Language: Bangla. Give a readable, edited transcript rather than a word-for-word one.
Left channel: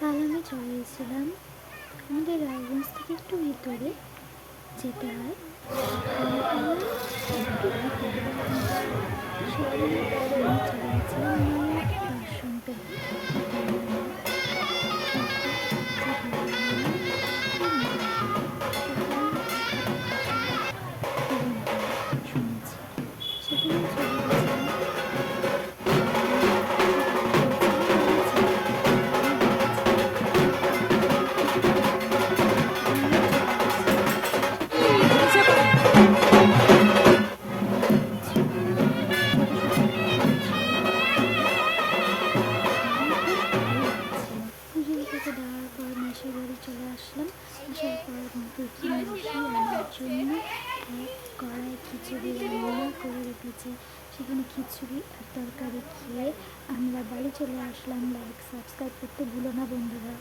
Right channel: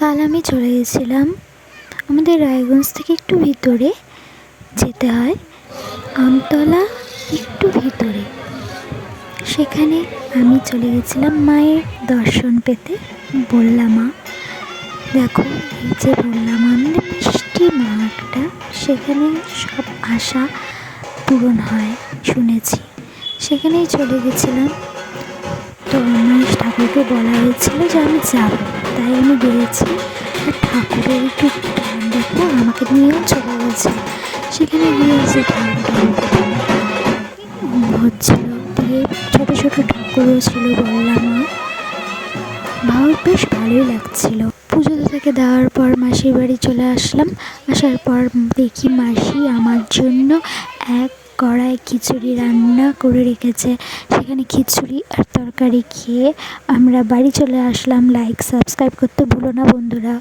কাল আমি চলে গেছিলাম আমাদের রায়গঞ্জ থেকে একটু ভিতরে যেতে হয়, আমতলা একটু ভিতরে। সেখানে আমি চলে গেছিলাম মায়ের দর্শন পেতে। বললা মা, দেখো এই যে বললা মা, আমাদের মিষ্টি মা একটা, সেখানে সব আশা পূরণ হয় শুনেছি। সেখানেই চলে গেছিলাম। তো আমার ঠাকুরকে বলা হয়েছিল যে আমি যাবো, তাই আমি বেরিয়েছি। আর ঠাকুরের একটু দেখো আমাকে নিয়েও চলে গেছে। সেখানে গিয়ে যে হচ্ছিল দিয়ে ছোটো ছোটো ঠাকুরও ছিল, বললাম মা, ভালো বেশ ভালোই লাগছিল। পুজো থেকে দেওয়ার পর মাসির বাড়ি চলে আসলাম। আসার পর দেখি মাসি আমার জন্য এক কড়াই খিচুড়ি রান্না করে রেখেছে। সেখানে খিচুড়ি আর তরকারি খেয়ে আমরা বাড়ি চলে আসলাম। লাইক সাবস্ক্রাইব করতে ভুলো না বন্ধুরা।